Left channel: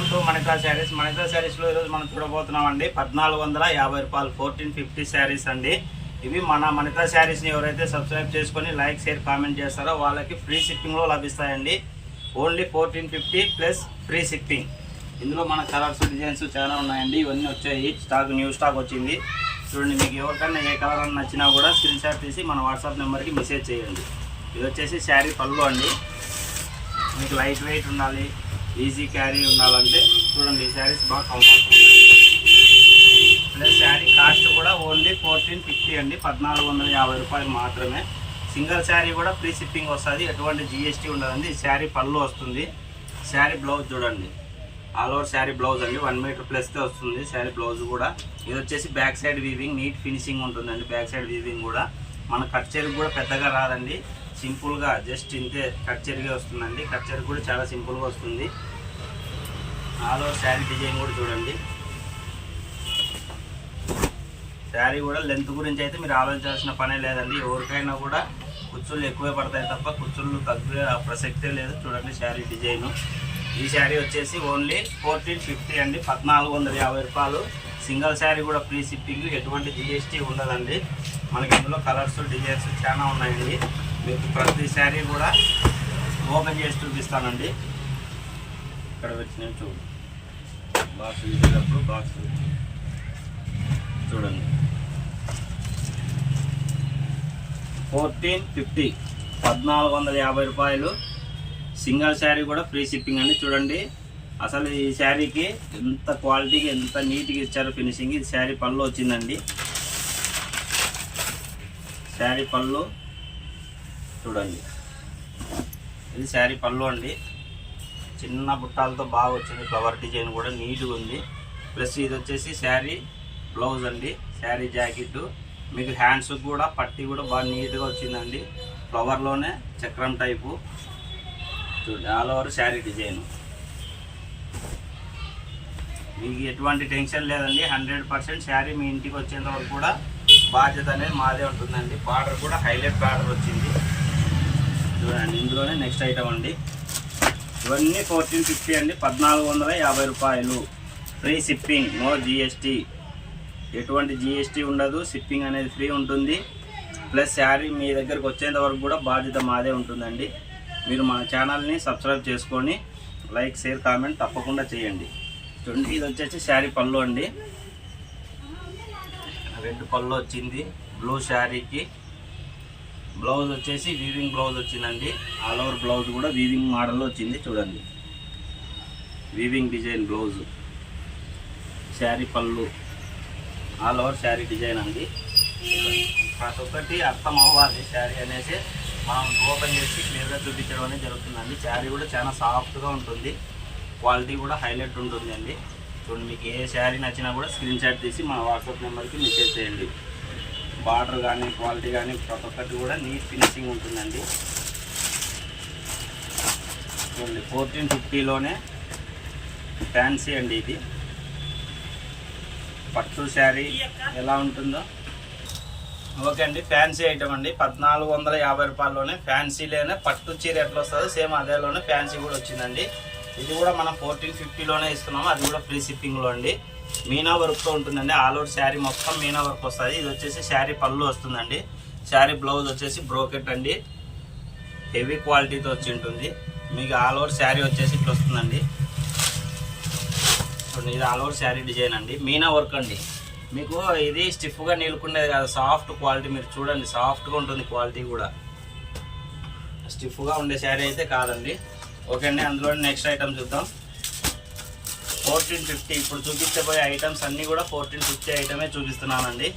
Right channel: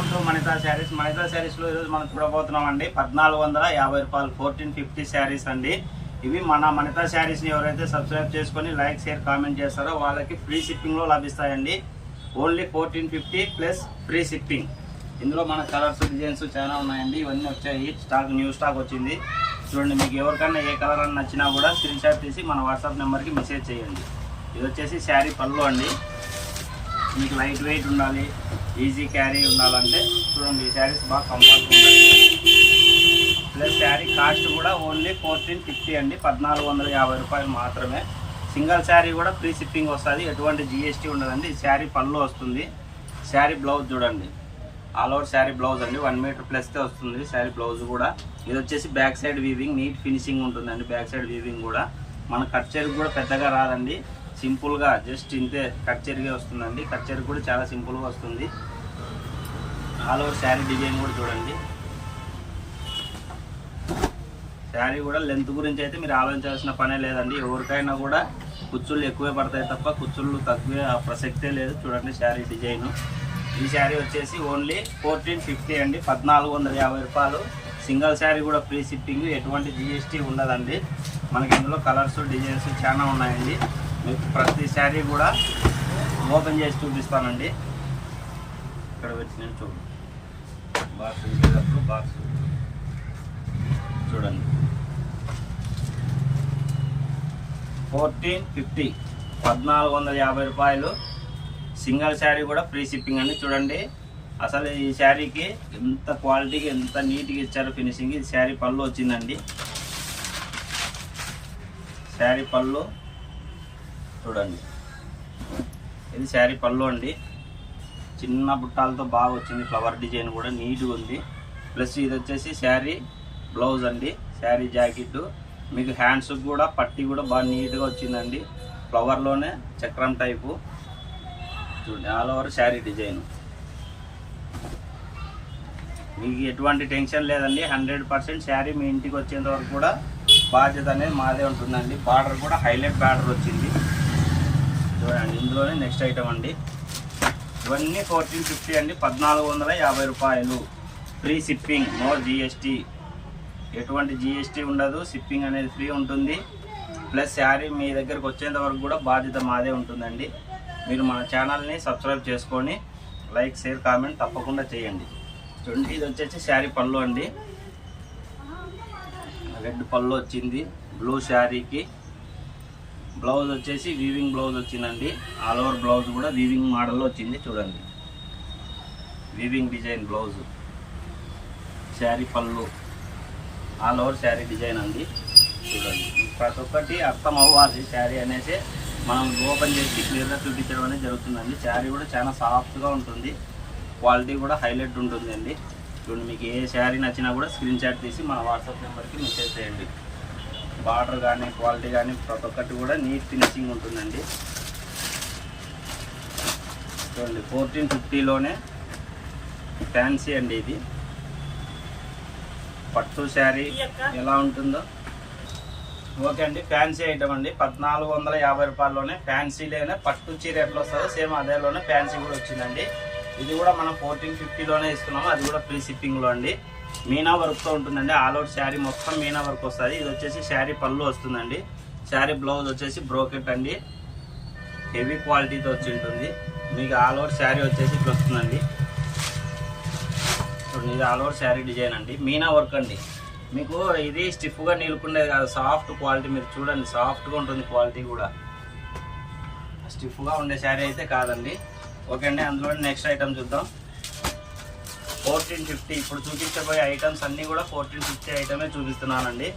Welcome to మణితా saris. మణితా శారీస్లో ఈరోజు మనం చూడబోతున్నాం అండి 1450 రూపాయలు 1450 శారీస్ అండి. ఇవి మన మణితా శారీస్ని ఎవరైతే సబ్స్క్రైబ్ చేసుకొని లైక్ షేర్ కామెంట్ చేస్తారో వాళ్ళకి ఫ్రీ షిప్పింగ్లో లభిస్తాయండి. Only 1450 plus free shipping. ఇందులో మన కలర్స్ డిజైన్స్ చాలా ఉన్నాయండి. ఇవన్నీ వచ్చాయి, స్టాక్ న్యూ స్టాక్ వచ్చింది. చూడండి, మీకు ఎవరికైనా ఏ కలర్ అని నచ్చినా కూడా స్క్రీన్ షాట్ తీసి మన వాట్సాప్ నెంబర్కి మెసేజ్ చేయండి. ఇది వచ్చేసి శారీ పళ్ళు అండి. మీకు లైట్ వెయిట్ ఉండాలి, ఈజీ క్యారీ ఉండాలంటే చూడండి, ఈ శారీస్ బాగా కంఫర్ట్గా ఉంటాయి. ప్లస్ శారీ కాస్ట్ కూడా ఓన్లీ 1450 అండి, 1450 రూపాయలు మాత్రమే. సింగిల్ శారీ కూడా ఫ్రీ షిప్పింగ్ వస్తుంది, ఎటువంటి జిఎస్టీ ఉండదండి. ఈ శారీ పళ్ళు వస్తుంది. శారీ బ్లౌజ్ చూడండి, ఆల్ ఓవర్ శారీ బ్లౌజ్ అండి, 1 మీటర్ ప్లస్కే వస్తుంది శారీ బ్లౌజ్ కూడా. ఇది వచ్చేసి back side weaving, neat finishing ఉంటుందండి. బ్యాక్ సైడ్ వీవింగ్ కూడా మన కట్ చెరుకు కూడా పెద్దగా రాదండి, సింపుల్గా జస్ట్ ఇంతే కట్ చెరిగే వస్తుందండి. కట్ చెరుకు కూడా చాలా సింపుల్గా వస్తుంది. ఆల్ ఓవర్ శారీ డిజైన్ కూడా చూడండి. శారీ కూడా లెంత్ గురించి అయితే మీరు ఆలోచించాల్సిన పనే లేదండి. ఎవరికైనా కూడా కుచ్చుళ్ళు ఎక్కువే పడతాయి తప్ప కుచ్చుళ్ళు తక్కువే ప్రసక్తే లేదు. చూడండి శారీ డిజైన్. ఈ శారీ వచ్చేసి ఓన్లీ 1450 అండి, 1450 రూపాయలు. సింగిల్ శారీ కూడా ఫ్రీ షిప్పింగ్, ఎటువంటి జిఎస్టీ ఉండదండి. మనకి ఇందులో కలర్స్ డిజైన్స్ చాలా ఉన్నాయండి. మీకు ప్రతి శారీ కూడా ఓపెన్ చేసి చూపిస్తానండి. ఇక్కడ వచ్చిన చూడండి, బాక్స్ ఇచ్చేటప్పుడు బాక్స్ చూడండి. 1450, 1450 రూపాయలు. సింగిల్ శారీ కూడా ఫ్రీ షిప్పింగ్ అండి. చూడండి అసలు ఈ శారీకి ఎంత క్వాలిటీగా ఎంత నీట్గా ఇచ్చారో ఫినిషింగ్. ఇది శారీ పళ్ళు వచ్చిందండి. శారీ పళ్ళు చూడండి, ఇది శారీ పళ్ళు అండి. చిన్న బుట్టాలతో బాగా వచ్చింది, ఫ్లవర్ డిజైన్ కూడా నీట్గా ఉంది. ప్లస్ ఇది వచ్చేసి శారీ బ్లౌజ్ అండి, శారీ జాకెట్. మీకు హ్యాండ్స్ కూడా పట్టి కూడా బాగా నీట్గా వచ్చిందండి, ఫ్లవర్లోనే చక్రం టైపు. చూడండి ఆల్ ఓవర్ శారీ డిజైన్. మీకు ఎటువంటి టెన్షన్ లేదండి, 100% శారీ మీ ఇంటికి వచ్చేంత వరకు కూడా బాధ్యత అనేది మాదే ఉంటుందండి. బార్డర్ కూడా హైలైట్ బార్డర్ వచ్చింది చూడండి. ఇందులోనే నెక్స్ట్ ఐటమ్ అండి. ఇవన్నీ 1450 అండి, 1450 రూపాయలు. ఫ్రీ షిప్పింగ్, నో జిఎస్టీ, ఎటువంటి జిఎస్టీ ఉండదు. షిప్పింగ్ అనేది ఫ్రీ ఉంటుంది. ప్లస్ శారీ మీ దగ్గరకు వచ్చేంత వరకు కూడా బాధ్యత మాదే ఉంటుందండి. మీరు మన ఛానల్ని సబ్స్క్రైబ్ చేసుకొని లైక్ షేర్ కామెంట్ తప్పకుండా చేయండి. చూడండి, ఇది వచ్చేసి శారీ పళ్ళు అండి. రెడ్ పళ్ళు వచ్చింది బ్లూ శారీకి. బ్లౌజ్ వచ్చేసి వీవింగ్ బ్లౌజ్ వచ్చిందండి. ఆల్ ఓవర్ బ్లౌజ్ కూడా వీవింగ్ మోడల్లో వచ్చింది. చూడండి వీవింగ్ డిజైన్ బ్లౌజ్. శారీ పళ్ళు ఆల్ ఓవర్ శారీ డిజైన్ అండి. చూడండి ప్రతి ఒక్కటి అర్థం అవ్వాలి శారీ అనేసి మనం ఓపెన్ చేసి క్లియర్గా చూపించడం అనేది జరుగుతుందండి. శారీ కూడా చాలా సాఫ్ట్గా ఉంటుంది, క్వాలిటీ కూడా హైలైట్ ఉంటుంది అండి. చూడండి, మీకు ఏ శారీ నచ్చినా కూడా స్క్రీన్ షాట్ తీసి మన వాట్సాప్ నెంబర్కి మెసేజ్ చేయండి. బార్డర్ కానీ క్వాలిటీ కానీ ప్రతి ఒక్కటి కూడా నీట్ ఫినిషింగ్ ఉంటుందండి. చూడండి 1450లోనే ఫ్యాన్సీ అండి. ఇది పట్టు శారీ ఎలా ఉంటుందో ఓకే అండి. ఫ్యాన్సీ ఐటమ్ అండి, 1450 రూపాయల్లోనే ఫ్యాన్సీలోనే పట్టు చీర ఎట్లా వస్తుందో సేమ్ అదేలోనే ఫ్యాన్సీ కూడా వచ్చిందండి. ఇది కూడా మనం 1450లోనే ఇస్తున్నాము, అది కూడా ఫ్రీ షిప్పింగ్లో అండి. మీనా వర్క్తో ఉంటుందండి. ఆల్ ఓవర్ శారీ మొత్తం మీనా వర్క్ వస్తుంది. ఇది వచ్చేసి శారీ పళ్ళు వస్తుందండి. శారీ బ్లౌజ్ వచ్చేసి బ్రోకెట్ అండి, హెవీ క్వాలిటీతో వచ్చి ఉంటుంది. మీకు ఆల్ ఓవర్ శారీ వచ్చేసి ఇట్లా వస్తుందండి. చూడండి, ఇది ఆల్ ఓవర్ శారీ డిజైన్ అండి, మీనా వర్క్ అండి. మీకు ఇది స్టిఫ్గా నిలుకుండేది కాదు, సాఫ్ట్ క్వాలిటీ. మీరు చూడండి సాఫ్ట్గా ఉంటుంది, క్వాలిటీ కూడా స్టిఫ్గా ఉండే శారీ అయితే కాదండి. ఓకే అండి, అందులో నెక్స్ట్ ఐటమ్ చూద్దాం. 1450. ఇప్పుడు చూపించబోయే ఐటమ్స్ అన్నీ కూడా 1450 ఐటమే చూపిస్తున్నానండి.